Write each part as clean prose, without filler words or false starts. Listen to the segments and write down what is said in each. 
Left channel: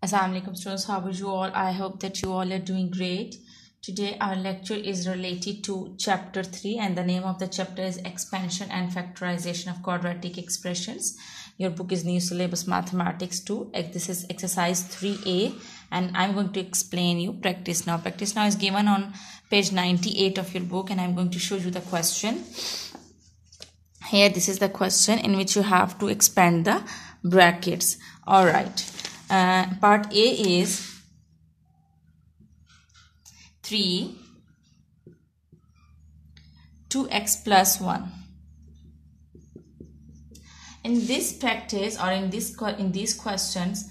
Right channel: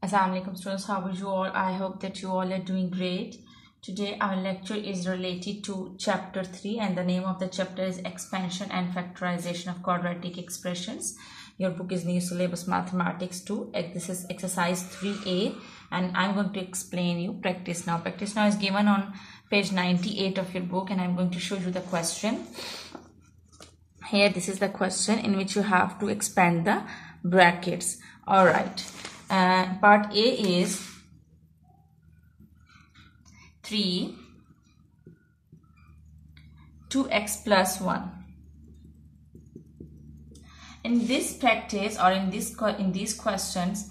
Assalamualaikum students, how are you all? I hope that you all are doing great. Today our lecture is related to chapter 3 and the name of the chapter is Expansion and Factorization of Quadratic Expressions. Your book is New Syllabus Mathematics 2. This is exercise 3A and I'm going to explain you practice now. Practice now is given on page 98 of your book and I'm going to show you the question. Here this is the question in which you have to expand the brackets. Alright. Part A is 3 2x plus 1. In this practice or in these questions,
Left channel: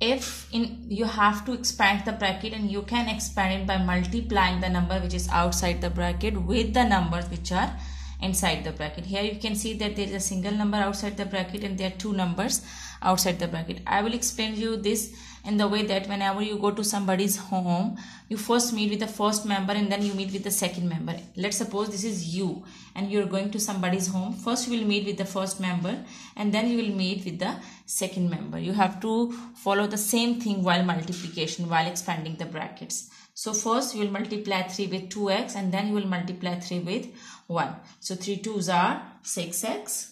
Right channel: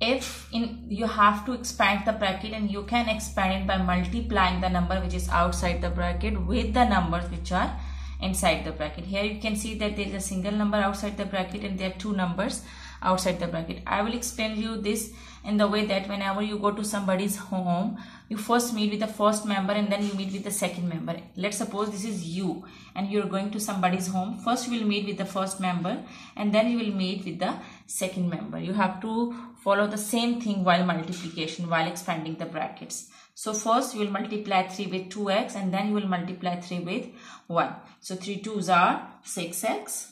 you have to expand the bracket, and you can expand it by multiplying the number which is outside the bracket with the numbers which are inside the bracket. Here you can see that there is a single number outside the bracket and there are two numbers outside the bracket. I will explain you this in the way that whenever you go to somebody's home, you first meet with the first member and then you meet with the second member. Let's suppose this is you and you're going to somebody's home. First you will meet with the first member and then you will meet with the second member. You have to follow the same thing while multiplication, while expanding the brackets. So first you will multiply 3 with 2x and then you will multiply 3 with 1. So 3 2s are 6x.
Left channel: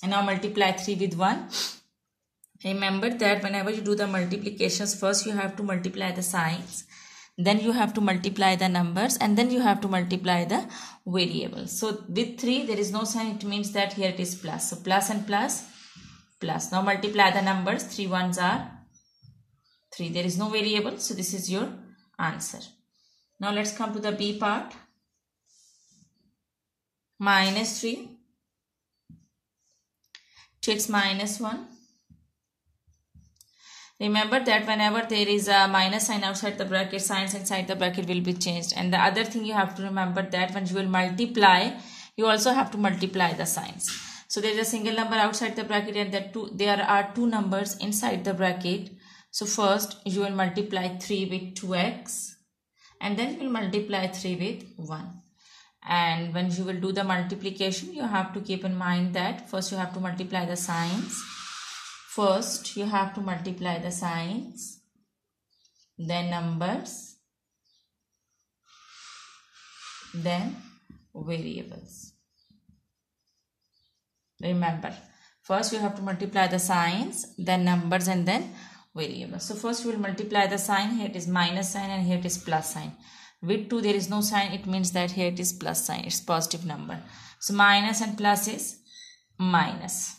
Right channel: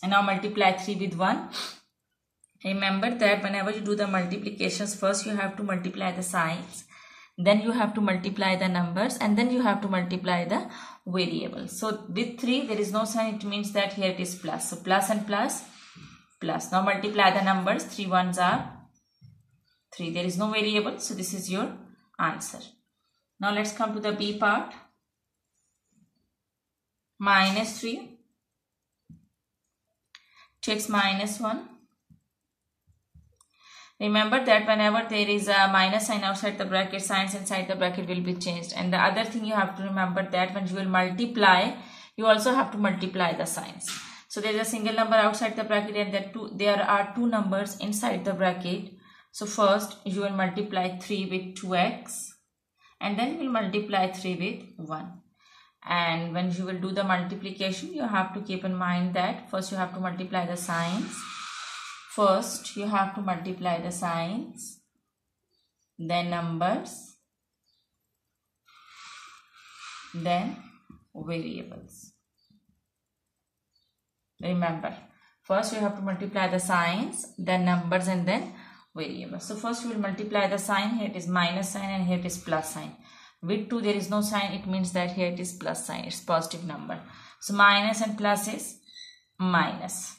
And now multiply 3 with 1. Remember that whenever you do the multiplications, first you have to multiply the signs, then you have to multiply the numbers, and then you have to multiply the variables. So with 3 there is no sign, it means that here it is plus. So plus and plus, plus. Now multiply the numbers, 3 1s are 3. There is no variable, so this is your answer. Now let's come to the B part. Minus 3 2x minus 1. Remember that whenever there is a minus sign outside the bracket, signs inside the bracket will be changed. And the other thing you have to remember that when you will multiply, you also have to multiply the signs. So there is a single number outside the bracket and there are two numbers inside the bracket. So first you will multiply 3 with 2x and then you will multiply 3 with 1. And when you will do the multiplication, you have to keep in mind that first you have to multiply the signs. First you have to multiply the signs, then numbers, then variables. Remember, first you have to multiply the signs, then numbers, and then variables. So first we will multiply the sign. Here it is minus sign and here it is plus sign. With 2 there is no sign, it means that here it is plus sign, it's positive number. So minus and plus is minus.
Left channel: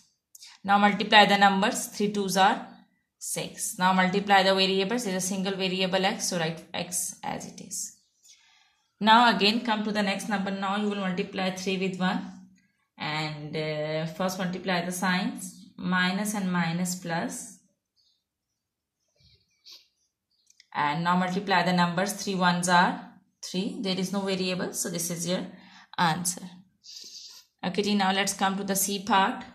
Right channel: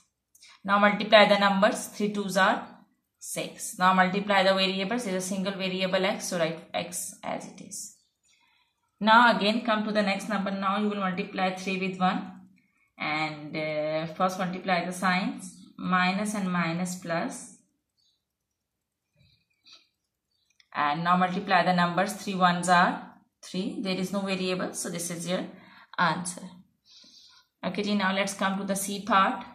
Now multiply the numbers, 3 2s are 6. Now multiply the variables, there is a single variable x, so write x as it is. Now again come to the next number. Now you will multiply 3 with 1 and first multiply the signs, minus and minus plus. And now multiply the numbers, 3 1s are 3. There is no variable, so this is your answer. Okay, now let's come to the C part.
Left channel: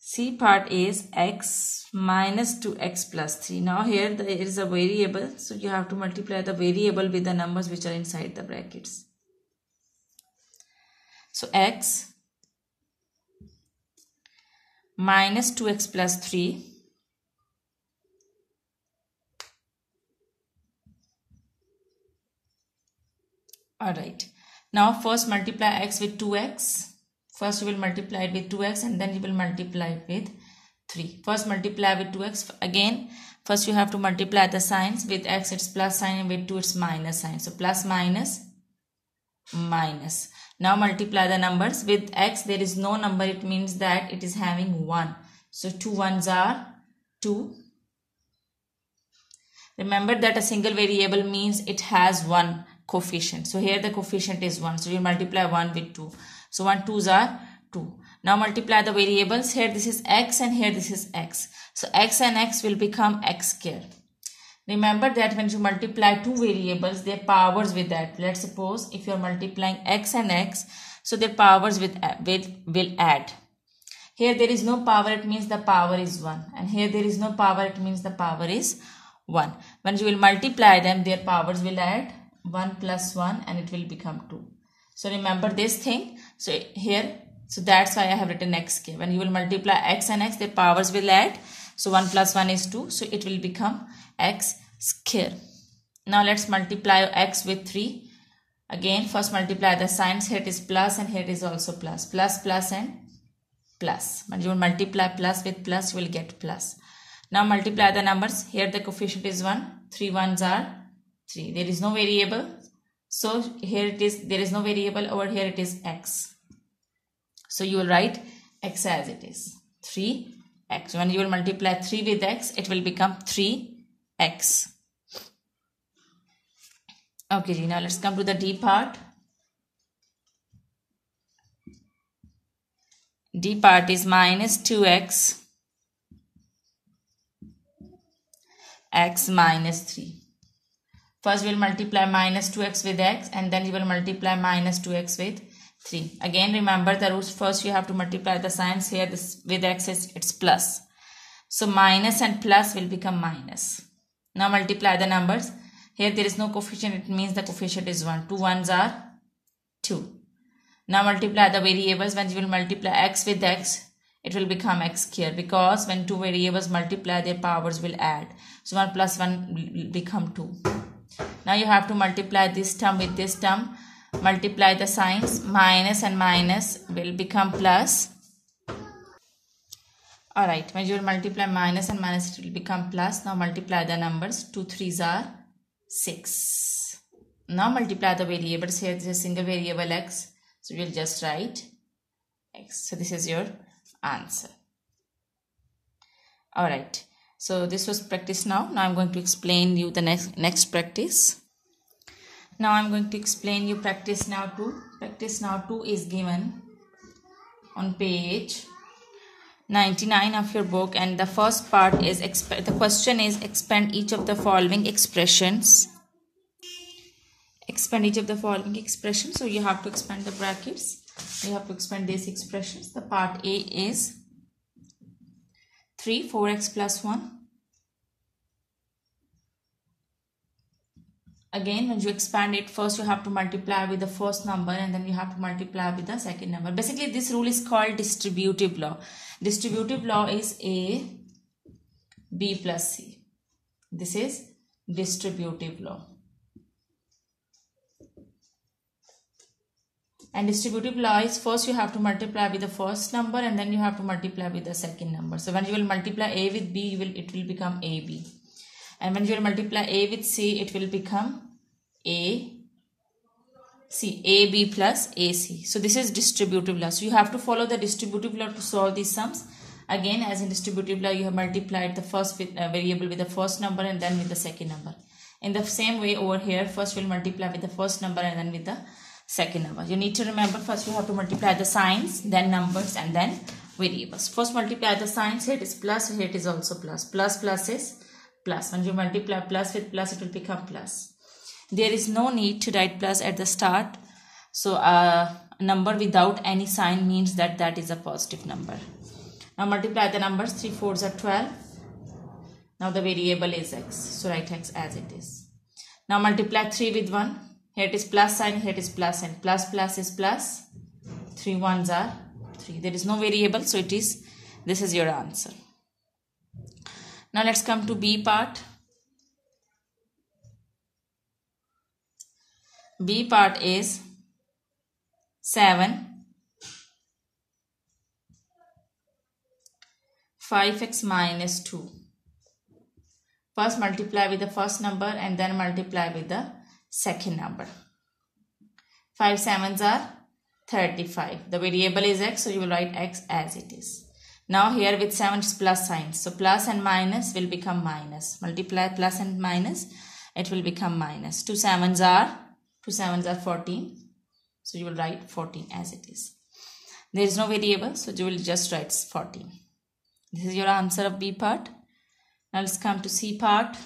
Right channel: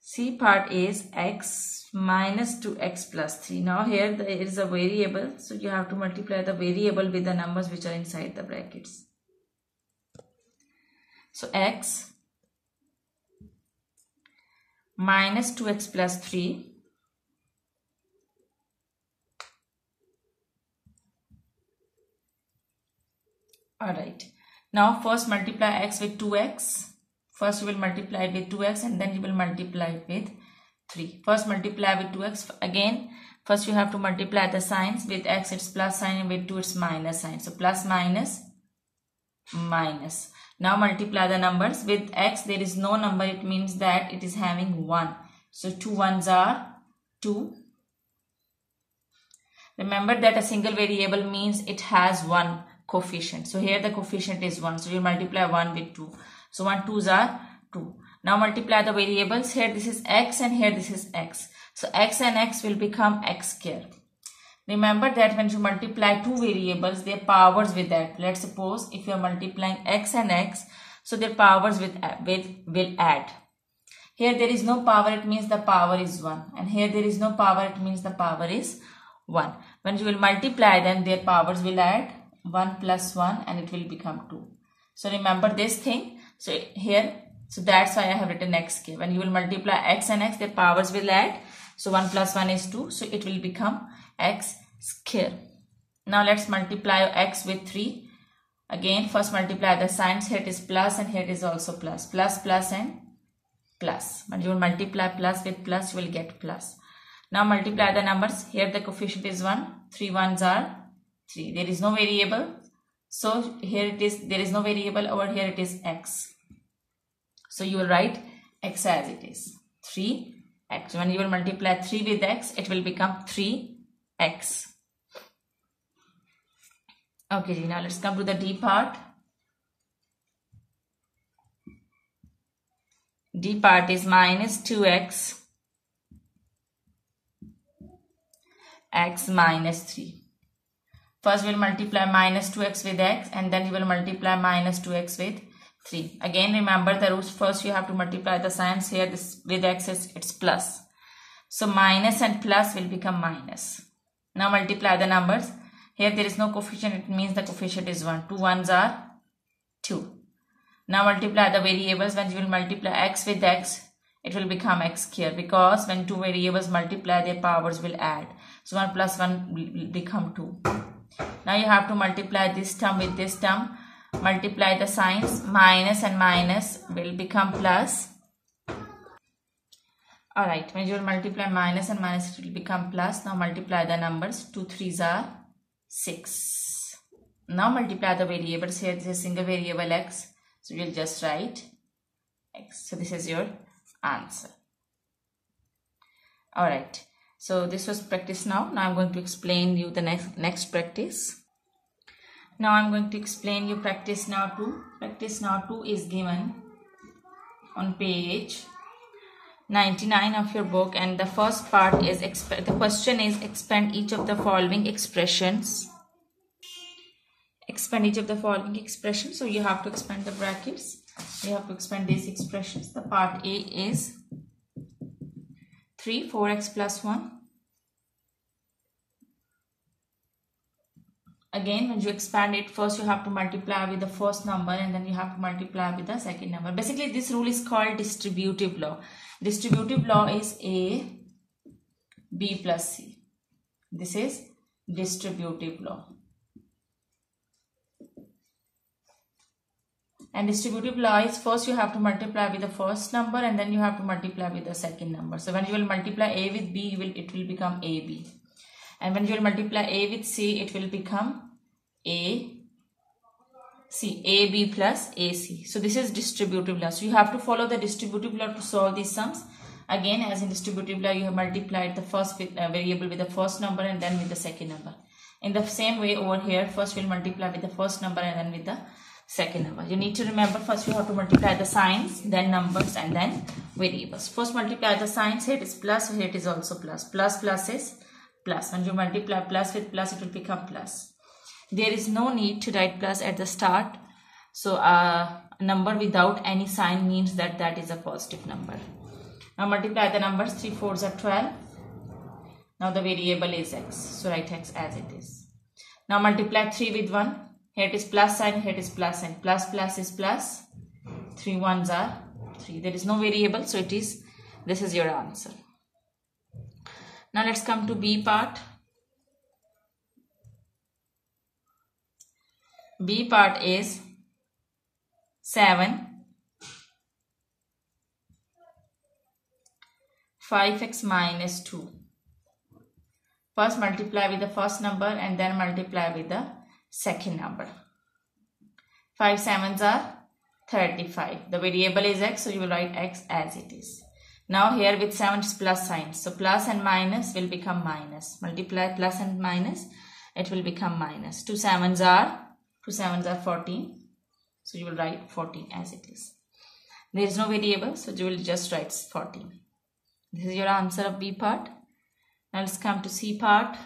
C part is x minus 2x plus 3. Now here there is a variable, so you have to multiply the variable with the numbers which are inside the brackets. So x minus 2x plus 3 alright. Now first multiply x with 2x. First you will multiply it with 2x and then you will multiply it with 3. First multiply with 2x. Again, first you have to multiply the signs. With x it's plus sign and with 2 it's minus sign. So plus minus minus. Now multiply the numbers. With x there is no number, it means that it is having 1. So 2 1s are 2. Remember that a single variable means it has one coefficient. So here the coefficient is 1. So you multiply 1 with 2. So 1 2s are 2. Now multiply the variables. Here this is x and here this is x. So x and x will become x square. Remember that when you multiply two variables, their powers will add. Let's suppose if you are multiplying x and x, so their powers will add. Here there is no power, it means the power is 1. And here there is no power, it means the power is 1. When you will multiply them, their powers will add 1 plus 1 and it will become 2. So remember this thing. So here So that's why I have written x square. When you will multiply x and x, their powers will add. So 1 plus 1 is 2. So it will become x square. Now let's multiply x with 3. Again, first multiply the signs. Here it is plus and here it is also plus. Plus, plus and plus. When you will multiply plus with plus, you will get plus. Now multiply the numbers. Here the coefficient is 1. 3 ones are 3. There is no variable. So here it is, there is no variable. Over here it is x. So you will write x as it is. 3x. When you will multiply 3 with x, it will become 3x. Okay, now let's come to the D part. D part is minus 2x, x minus 3. First we will multiply minus 2x with x and then you will multiply minus 2x with 3. Again remember the rules. First you have to multiply the signs. Here this with x it's plus. So minus and plus will become minus. Now multiply the numbers. Here there is no coefficient. It means the coefficient is 1. 2 ones are 2. Now multiply the variables. When you will multiply x with x, it will become x square, because when two variables multiply, their powers will add. So 1 plus 1 will become 2. Now you have to multiply this term with this term. Multiply the signs. Minus and minus will become plus. Alright, when you will multiply minus and minus, it will become plus. Now multiply the numbers. 2 3s are 6. Now multiply the variables. Here is a single variable x. So we will just write x. So this is your answer. Alright. So this was practice now. Now I'm going to explain you the next practice. Now I'm going to explain you practice now 2. Practice now 2 is given on page 99 of your book, and the first part is the question is expand each of the following expressions. Expand each of the following expressions. So you have to expand the brackets. You have to expand these expressions. The part A is 3 4x plus 1. Again, when you expand it, first you have to multiply with the first number and then you have to multiply with the second number. Basically, this rule is called distributive law. Distributive law is A, B plus C. This is distributive law. And distributive law is first you have to multiply with the first number and then you have to multiply with the second number. So when you will multiply A with B, it will become AB. And when you will multiply A with C, it will become AB plus AC. So this is distributive law. So you have to follow the distributive law to solve these sums. Again, as in distributive law, you have multiplied the first variable with the first number and then with the second number. In the same way over here, first we'll multiply with the first number and then with the second number. You need to remember, first you have to multiply the signs, then numbers, and then variables. First multiply the signs. Here it is plus, here it is also plus. Plus plus is plus. When you multiply plus with plus, it will become plus. There is no need to write plus at the start. So a number without any sign means that that is a positive number. Now multiply the numbers. 3 4s are 12. Now the variable is x. So write x as it is. Now multiply 3 with 1. Here it is plus sign, here it is plus sign. Plus plus is plus. 3 1s are 3. There is no variable, so it is, this is your answer. Now let's come to B part. B part is 7 5x minus 2. First multiply with the first number and then multiply with the second number. 5 7s are 35. The variable is x, so you will write x as it is. Now here with 7 is plus signs. So plus and minus will become minus. Multiply plus and minus, it will become minus. 2 7s are 14. So you will write 14 as it is. There is no variable, so you will just write 14. This is your answer of B part. Now let's come to C part.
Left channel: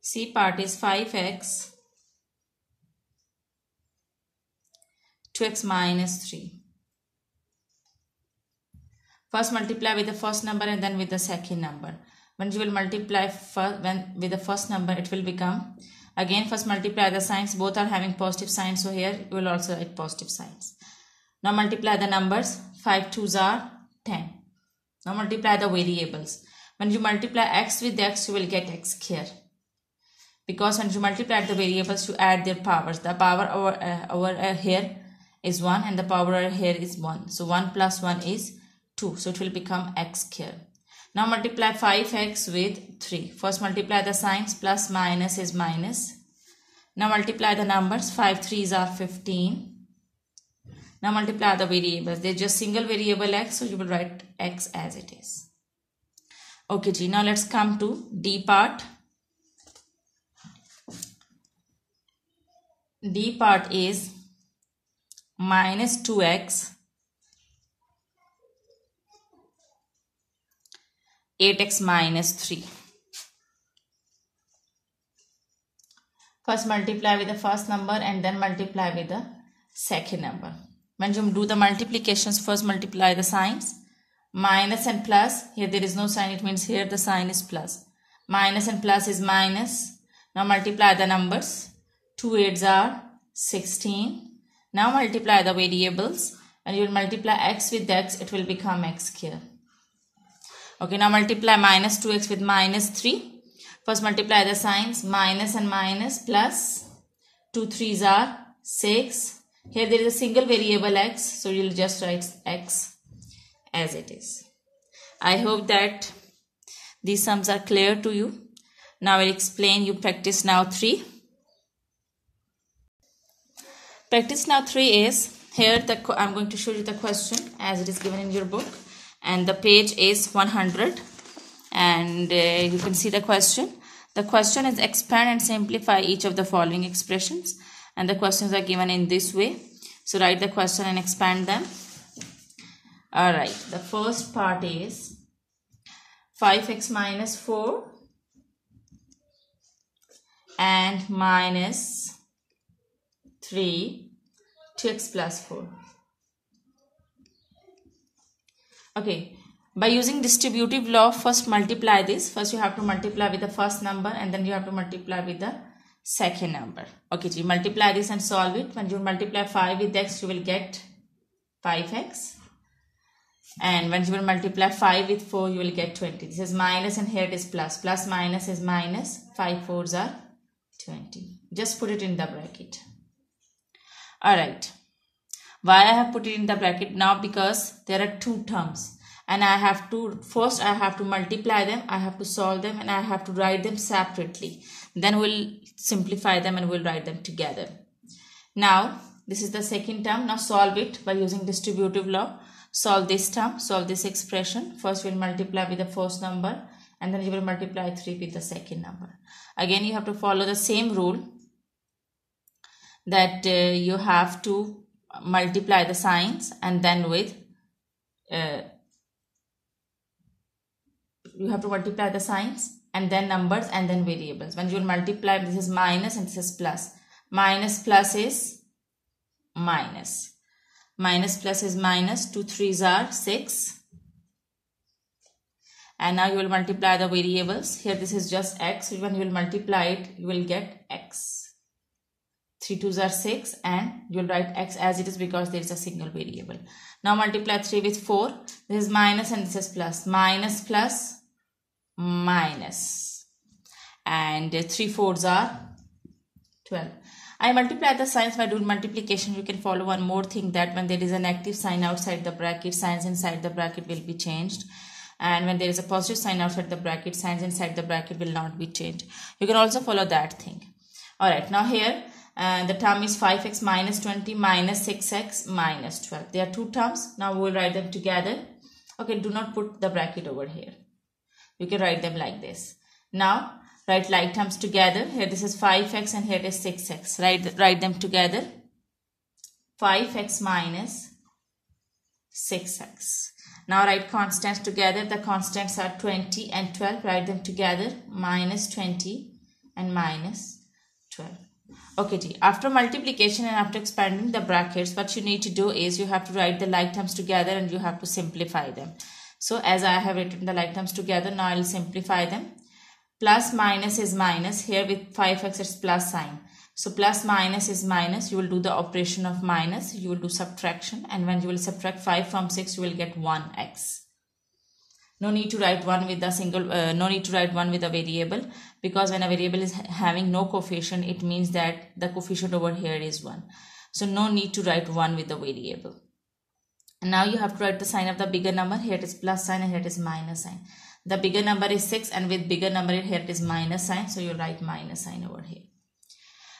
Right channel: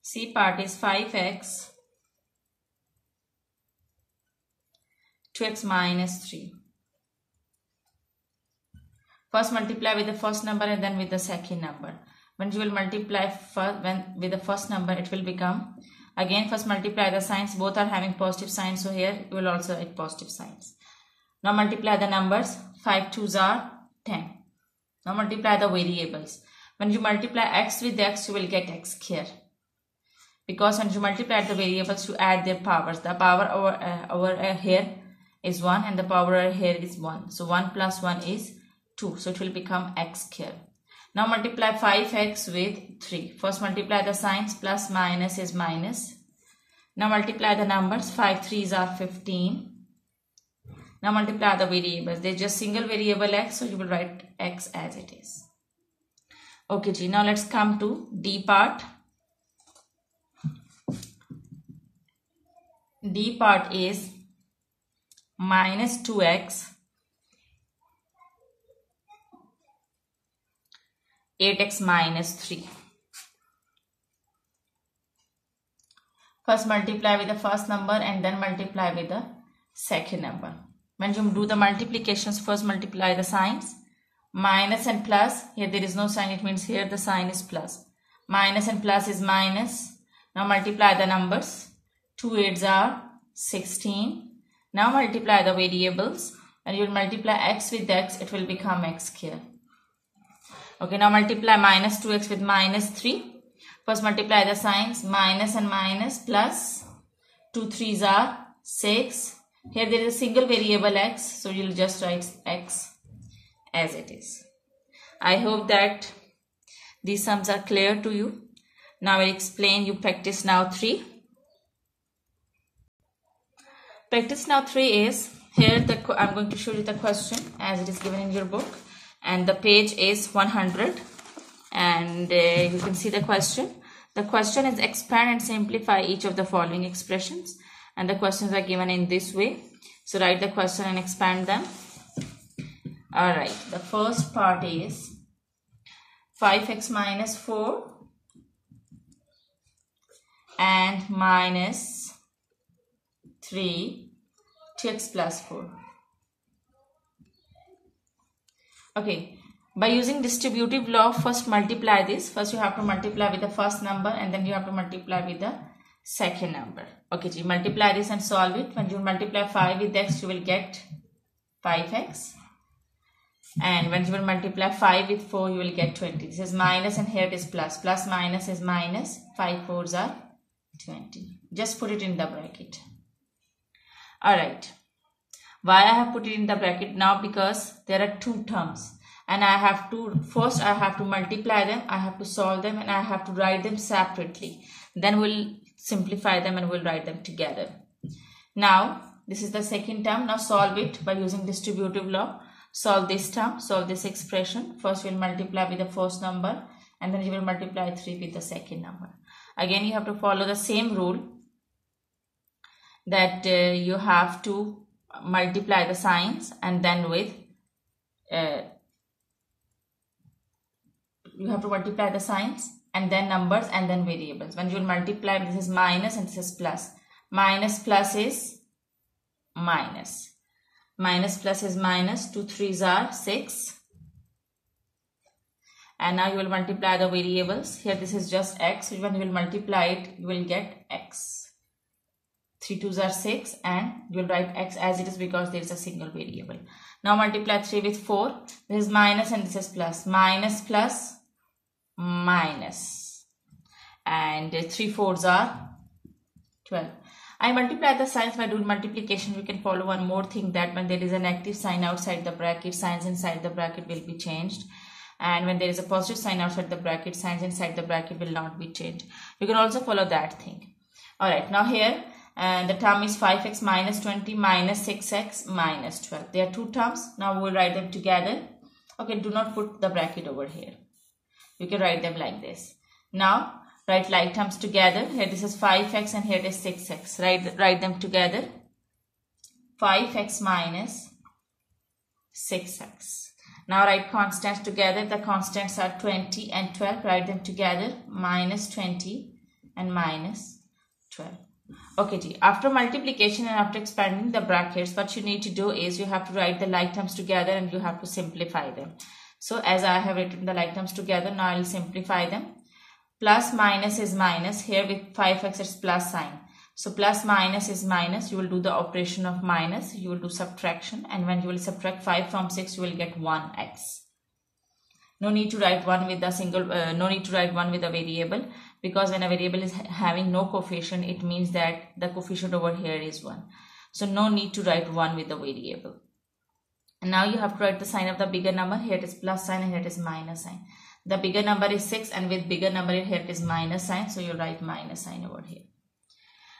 C part is 5x 2x minus 3. First multiply with the first number and then with the second number. When you will multiply with the first number, it will become Again, first multiply the signs. Both are having positive signs, so here you will also write positive signs. Now multiply the numbers. 5 2s are 10. Now multiply the variables. When you multiply x with x, you will get x here. Because when you multiply the variables, you add their powers. The power over here is 1 and the power over here is 1. So 1 plus 1 is 2. So it will become x here. Now multiply 5x with 3. First multiply the signs. Plus minus is minus. Now multiply the numbers. 5 3s are 15. Now multiply the variables. They are just single variable x, so you will write x as it is. Okay, G. Now let's come to D part. D part is minus 2x, 8x minus 3. First multiply with the first number and then multiply with the second number. When you do the multiplications, first multiply the signs. Minus and plus. Here there is no sign. It means here the sign is plus. Minus and plus is minus. Now multiply the numbers. 2 8s are 16. Now multiply the variables. When you will multiply x with x, it will become x here. Okay, now multiply minus 2x with minus 3. First multiply the signs. Minus and minus plus. 2 3s are 6. Here there is a single variable x, so you will just write x as it is. I hope that these sums are clear to you. Now I will explain you practice now 3. Practice now 3 is, here I am going to show you the question as it is given in your book, and the page is 100, and you can see the question. The question is expand and simplify each of the following expressions, and the questions are given in this way. So write the question and expand them. Alright, the first part is 5x minus 4 and minus 3 2x plus 4. Okay, by using distributive law, first multiply this. First you have to multiply with the first number and then you have to multiply with the second number. Okay, so you multiply this and solve it. When you multiply 5 with x, you will get 5x. And when you will multiply 5 with 4, you will get 20. This is minus and here it is plus. Plus minus is minus. 5 4s are 20. Just put it in the bracket. Alright. Why I have put it in the bracket now? Because there are two terms. And I have to, first I have to multiply them, I have to solve them, and I have to write them separately. Then we'll simplify them and we'll write them together. Now, this is the second term. Now solve it by using distributive law. Solve this term, solve this expression. First we'll multiply with the first number and then you will multiply 3 with the second number. Again, you have to follow the same rule that you have to multiply the signs and then with you have to multiply the signs and then numbers and then variables. When you will multiply, this is minus and this is plus. Minus plus is minus. Minus plus is minus. 2 3s are 6. And now you will multiply the variables. Here this is just x. So when you will multiply it, you will get x. 3 2s are 6 and you will write x as it is because there is a single variable. Now multiply 3 with 4. This is minus and this is plus. Minus plus minus. And 3 4s are 12. I multiply the signs by doing multiplication. You can follow one more thing, that when there is a negative sign outside the bracket, signs inside the bracket will be changed. And when there is a positive sign outside the bracket, signs inside the bracket will not be changed. You can also follow that thing. Alright, now here the term is 5x minus 20 minus 6x minus 12. There are two terms. Now we will write them together. Okay, do not put the bracket over here. You can write them like this. Now write like terms together. Here this is 5x and here it is 6x. Write them together. 5x minus 6x. Now write constants together. The constants are 20 and 12. Write them together. Minus 20 and minus 12. Okay, G. After multiplication and after expanding the brackets, what you need to do is you have to write the like terms together and you have to simplify them. So as I have written the like terms together, now I will simplify them. Plus minus is minus. Here with 5x it's plus sign. So plus minus is minus. You will do the operation of minus. You will do subtraction. And when you will subtract 5 from 6, you will get 1x. No need to write 1 with a single, no need to write 1 with a variable, because when a variable is having no coefficient, it means that the coefficient over here is 1. So no need to write 1 with the variable. And now you have to write the sign of the bigger number. Here it is plus sign and here it is minus sign. The bigger number is 6 and with bigger number here it is minus sign. So you write minus sign over here.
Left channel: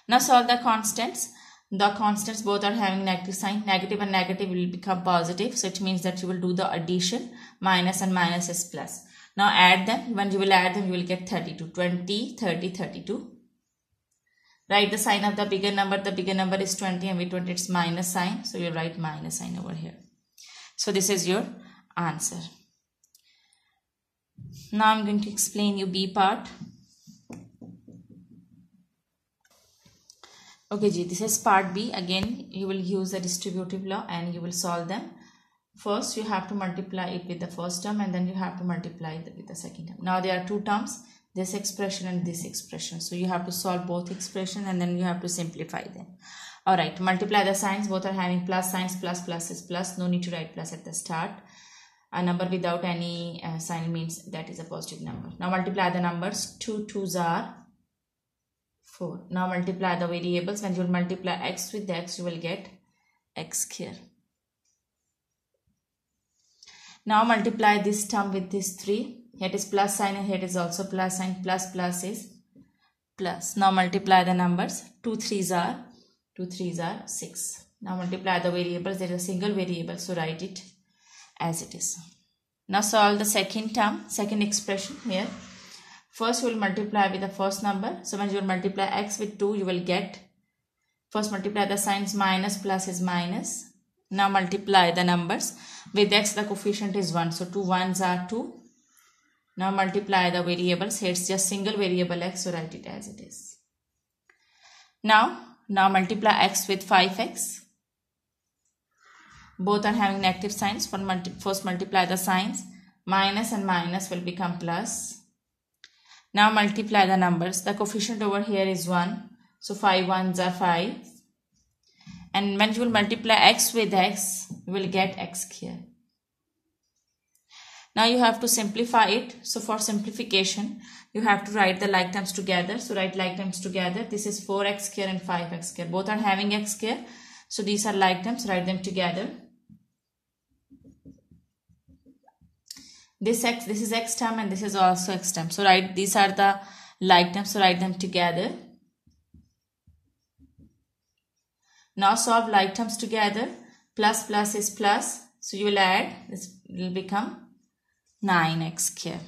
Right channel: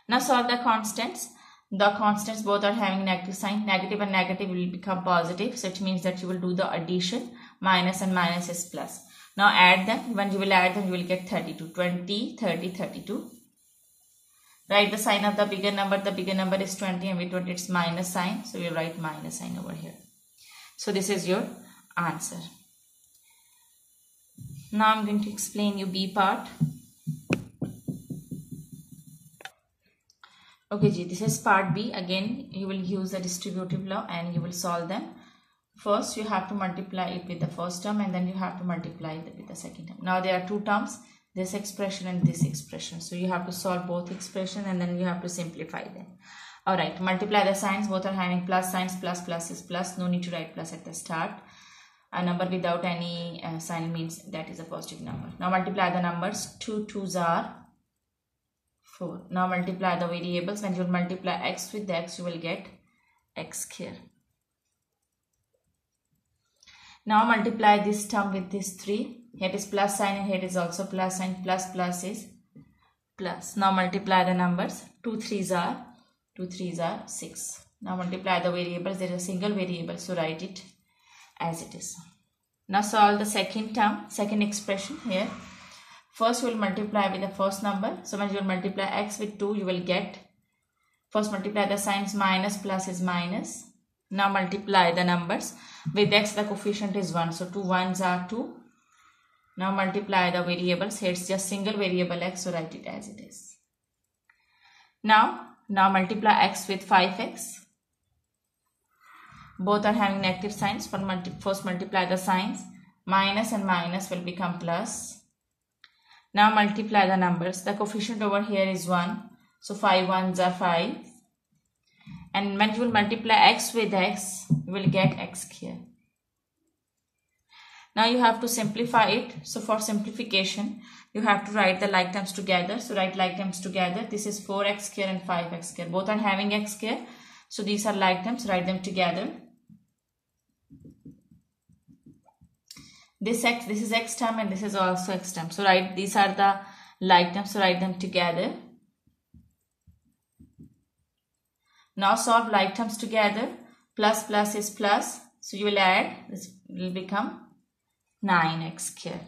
Now solve the constants. The constants both are having negative sign. Negative and negative will become positive. So it means that you will do the addition. Minus and minus is plus. Now add them. When you will add them, you will get 32. 20, 30, 32. Write the sign of the bigger number. The bigger number is 20 and with 20 it's minus sign. So you write minus sign over here. So this is your answer. Now I'm going to explain you B part. Okay, this is part B. Again, you will use the distributive law and you will solve them. First, you have to multiply it with the first term and then you have to multiply it with the second term. Now, there are two terms, this expression and this expression. So, you have to solve both expressions and then you have to simplify them. Alright, multiply the signs. Both are having plus signs. Plus, plus is plus. No need to write plus at the start. A number without any sign means that is a positive number. Now, multiply the numbers. 2 2s are 4. Now multiply the variables. When you will multiply x with x, you will get x square. Now multiply this term with this 3. Here it is plus sign and here it is also plus sign. Plus plus is plus. Now multiply the numbers. 2 3s are 6. Now multiply the variables. There is a single variable, so write it as it is. Now solve the second term, second expression here. First, we will multiply with the first number. So, when you will multiply x with 2, you will get, first multiply the signs, minus plus is minus. Now, multiply the numbers. With x, the coefficient is 1. So, 2 1s are 2. Now, multiply the variables. Here, it's just single variable x. So, write it as it is. Now multiply x with 5x. Both are having negative signs. First, multiply the signs. Minus and minus will become plus. Now multiply the numbers. The coefficient over here is 1. So 5 1s are 5. And when you will multiply x with x, you will get x here. Now you have to simplify it. So for simplification, you have to write the like terms together. So write like terms together. This is 4x square and 5x square. Both are having x square. So these are like terms. Write them together. This is x term and this is also x term. So write, these are the like terms. So write them together. Now solve like terms together. Plus plus is plus. So you will add. This will become 9x square.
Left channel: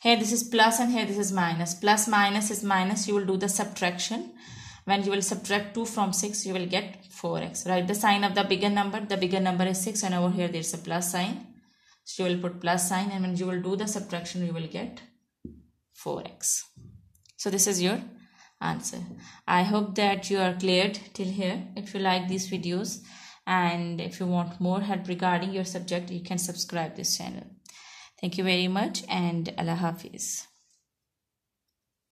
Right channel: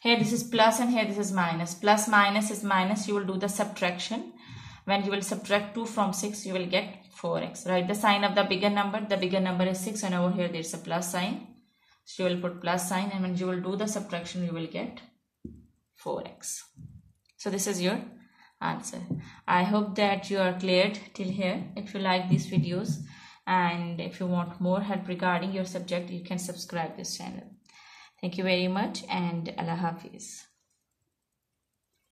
Here this is plus and here this is minus. Plus minus is minus. You will do the subtraction. When you will subtract 2 from 6, you will get 4x. Write the sign of the bigger number. The bigger number is 6 and over here there is a plus sign. So you will put plus sign and when you will do the subtraction, you will get 4x. So this is your answer. I hope that you are cleared till here. If you like these videos and if you want more help regarding your subject, you can subscribe this channel. Thank you very much and Allah Hafiz.